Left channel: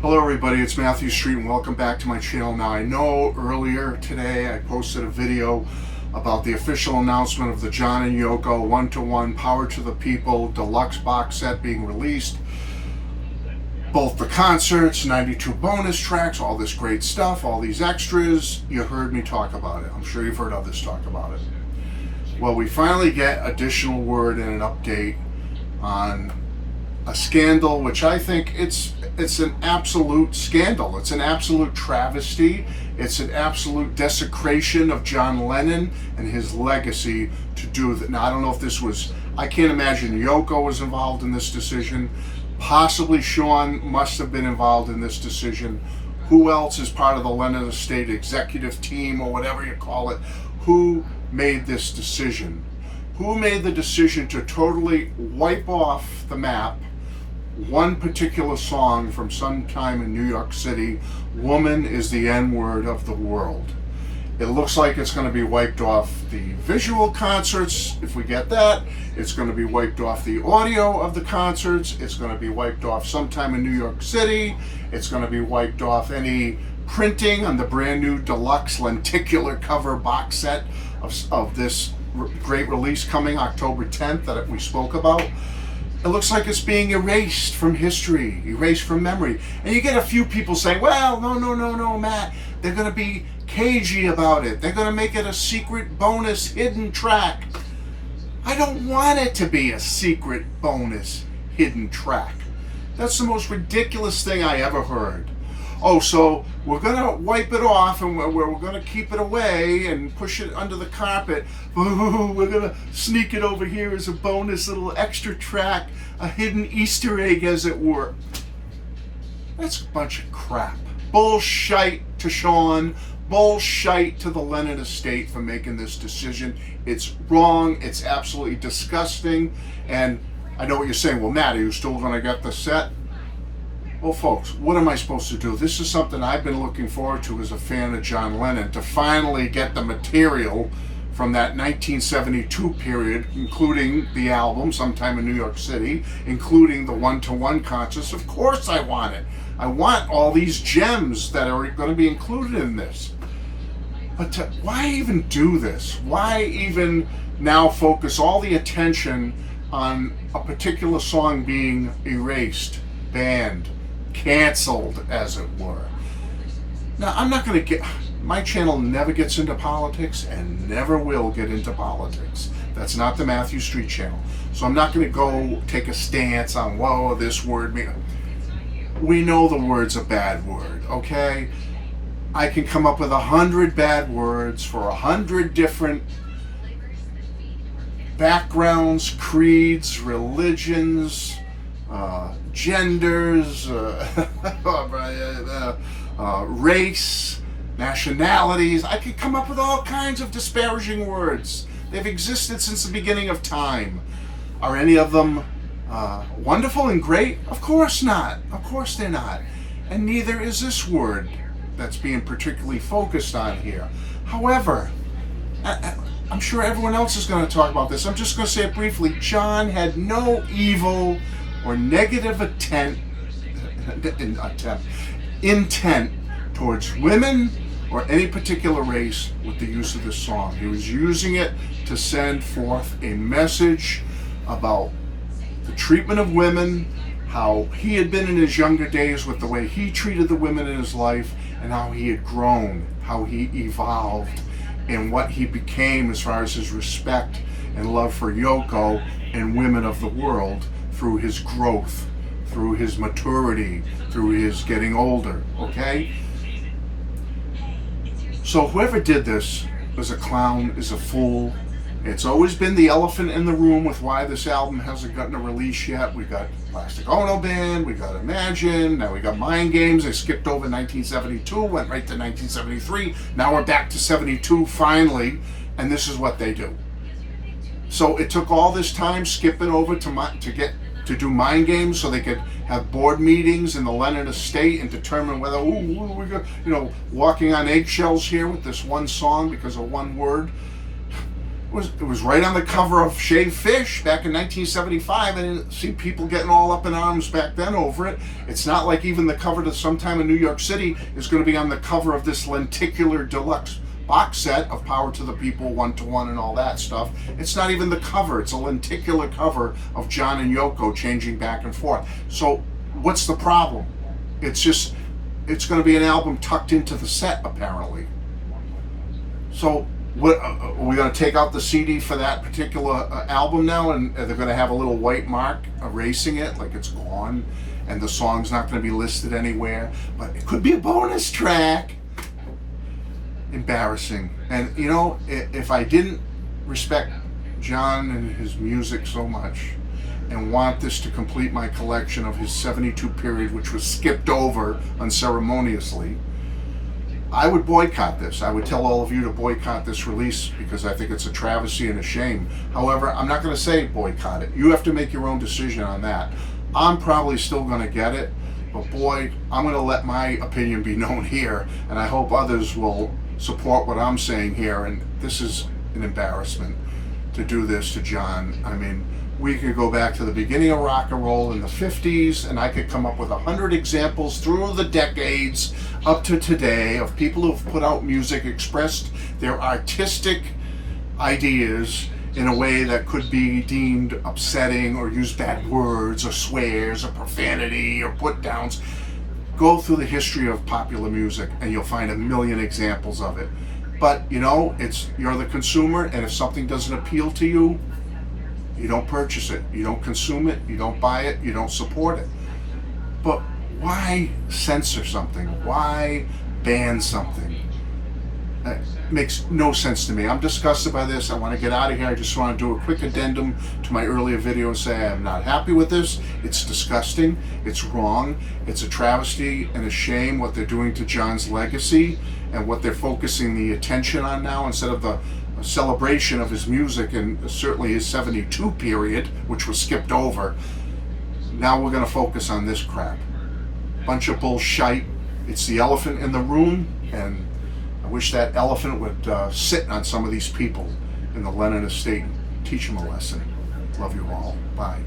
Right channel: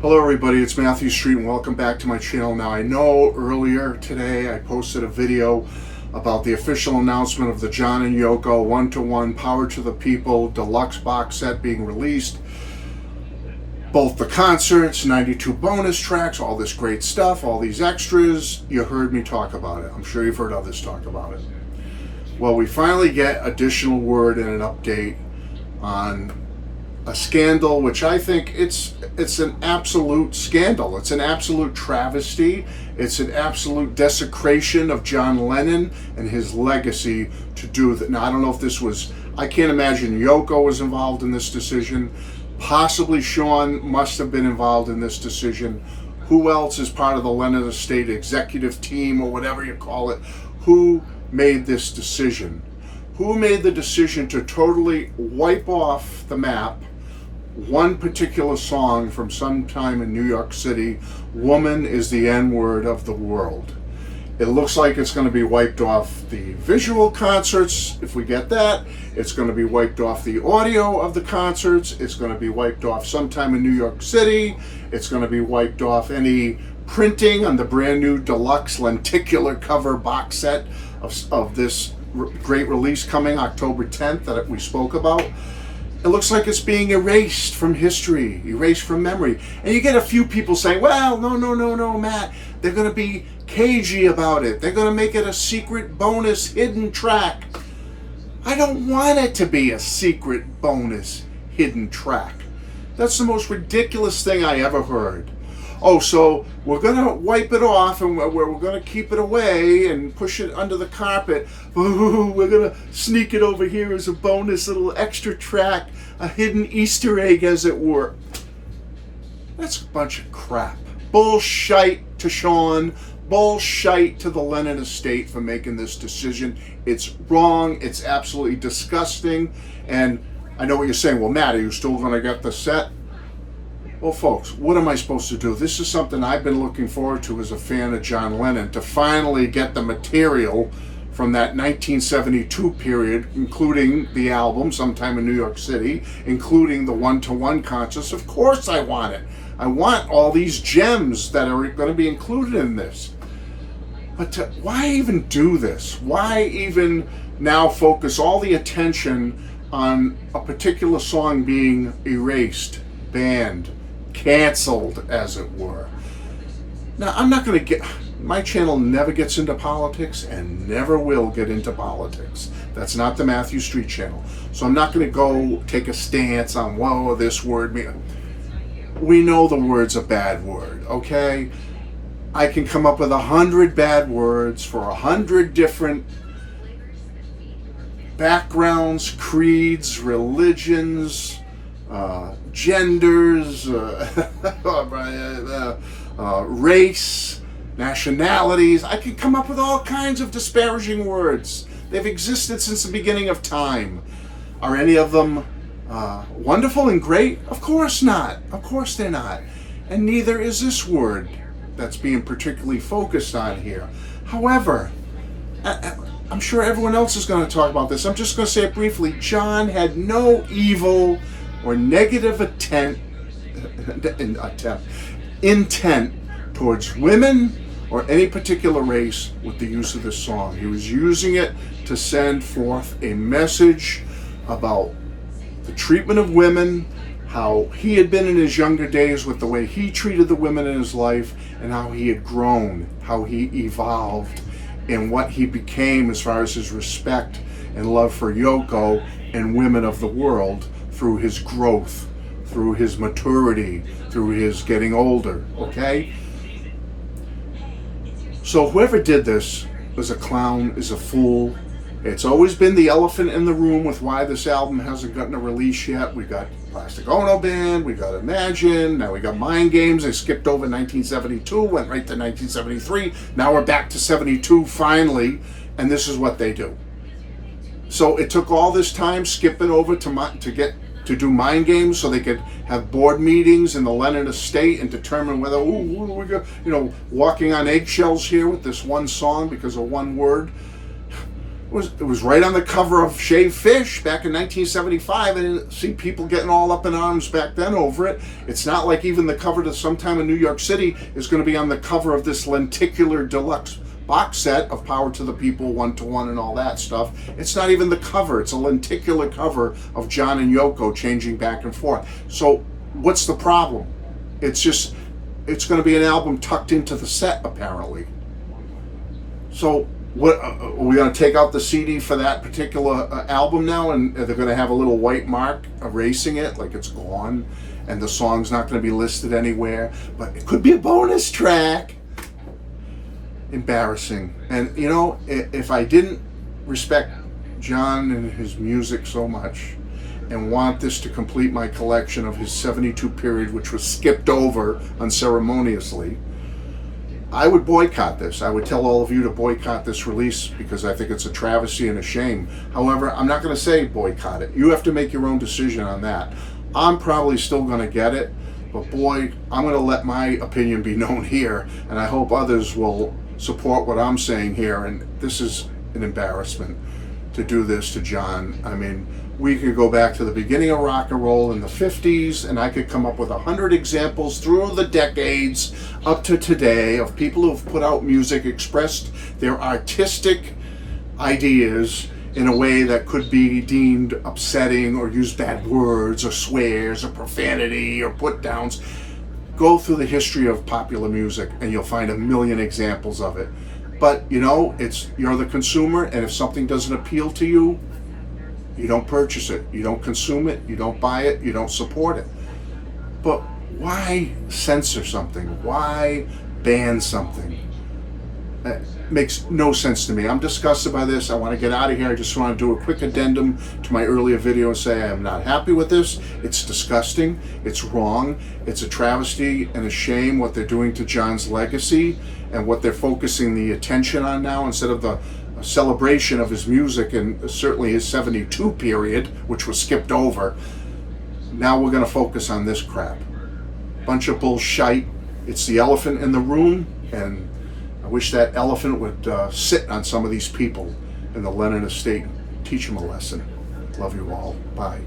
Hello everybody, it's Matthew Street and welcome back to my channel. Now I know earlier today I posted a video about the official announcement of the John and Yoko 1-to-1 Power to the People deluxe box set being released. Both the concerts, 92 bonus tracks, all this great stuff, all these extras. You heard me talk about it. I'm sure you've heard others talk about it. Well, we finally get additional word and an update on a scandal, which I think it's an absolute scandal. It's an absolute travesty. It's an absolute desecration of John Lennon and his legacy to do that. Now, I don't know if this was, I can't imagine Yoko was involved in this decision. Possibly Sean must have been involved in this decision. Who else is part of the Lennon Estate executive team or whatever you call it? Who made this decision? Who made the decision to totally wipe off the map one particular song from some time in New York City, "Woman is the N-word of the world"? It looks like it's going to be wiped off the visual concerts, if we get that. It's going to be wiped off the audio of the concerts. It's going to be wiped off sometime in New York City. It's going to be wiped off any printing on the brand new deluxe lenticular cover box set of this great release coming October 10th that we spoke about. It looks like it's being erased from history, erased from memory. And you get a few people saying, well, no, Matt. They're going to be cagey about it. They're going to make it a secret bonus hidden track. I don't want it to be a secret bonus hidden track. That's the most ridiculous thing I ever heard. Oh, so we're going to wipe it off and we're going to keep it away and push it under the carpet. Ooh, we're going to sneak it over here as a bonus little extra track, a hidden Easter egg, as it were. That's a bunch of crap. Bullshite to Sean. Bullshite to the Lennon Estate for making this decision. It's wrong. It's absolutely disgusting. And I know what you're saying. Well, Matt, are you still going to get the set? Well, folks, what am I supposed to do? This is something I've been looking forward to as a fan of John Lennon, to finally get the material from that 1972 period, including the album Sometime in New York City, including the 1-to-1 concerts. Of course I want it. I want all these gems that are going to be included in this. But why even do this? Why even now focus all the attention on a particular song being erased, banned, canceled, as it were? Now, I'm not going to get, my channel never gets into politics and never will get into politics. That's not the Matthew Street channel. So I'm not going to go take a stance on, well, this word, we know the word's a bad word, okay? I can come up with 100 bad words for 100 different backgrounds, creeds, religions, genders, race, nationalities. I could come up with all kinds of disparaging words. They've existed since the beginning of time. Are any of them wonderful and great? Of course not. Of course they're not. And neither is this word that's being particularly focused on here. However, I'm sure everyone else is going to talk about this. I'm just going to say it briefly. John had no evil or negative intent towards women or any particular race with the use of this song. He was using it to send forth a message about the treatment of women, how he had been in his younger days with the way he treated the women in his life, and how he had grown, how he evolved, and what he became as far as his respect and love for Yoko and women of the world through his growth, through his maturity, through his getting older, okay? So whoever did this is a clown, is a fool. It's always been the elephant in the room with why this album hasn't gotten a release yet. We got Plastic Ono Band, we got Imagine, now we got Mind Games. They skipped over 1972, went right to 1973. Now we're back to 72 finally, and this is what they do. So it took all this time, skip it over to do Mind Games so they could have board meetings in the Lennon Estate and determine whether, we're walking on eggshells here with this one song because of one word. It was right on the cover of Shaved Fish back in 1975. I didn't see people getting all up in arms back then over it. It's not like even the cover to Sometime in New York City is going to be on the cover of this lenticular deluxe box set of Power to the People, 1-to-1 and all that stuff. It's not even the cover. It's a lenticular cover of John and Yoko changing back and forth. So what's the problem? It's going to be an album tucked into the set, apparently. So what, are we going to take out the CD for that particular album now, and they're going to have a little white mark erasing it, like it's gone, and the song's not going to be listed anywhere, but it could be a bonus track? Embarrassing. And you know, if I didn't respect John and his music so much and want this to complete my collection of his 72 period, which was skipped over unceremoniously, I would boycott this. I would tell all of you to boycott this release because I think it's a travesty and a shame. However, I'm not going to say boycott it. You have to make your own decision on that. I'm probably still going to get it, but boy, I'm going to let my opinion be known here, and I hope others will support what I'm saying here. And this is an embarrassment to do this to John. I mean, we could go back to the beginning of rock and roll in the 50s, and I could come up with 100 examples through the decades up to today of people who've put out music, expressed their artistic ideas in a way that could be deemed upsetting or use bad words or swears or profanity or put downs. Go through the history of popular music and you'll find a million examples of it. But you know, you're the consumer, and if something doesn't appeal to you, you don't purchase it, you don't consume it, you don't buy it, you don't support it. But why censor something? Why ban something? It makes no sense to me. I'm disgusted by this. I want to get out of here. I just want to do a quick addendum to my earlier video and say I am not happy with this. It's disgusting. It's wrong. It's a travesty and a shame what they're doing to John's legacy and what they're focusing the attention on now, instead of the celebration of his music and certainly his 72 period, which was skipped over. Now we're going to focus on this crap. Bunch of bullshit. It's the elephant in the room, and I wish that elephant would sit on some of these people in the Lennon Estate and teach them a lesson. Love you all. Bye.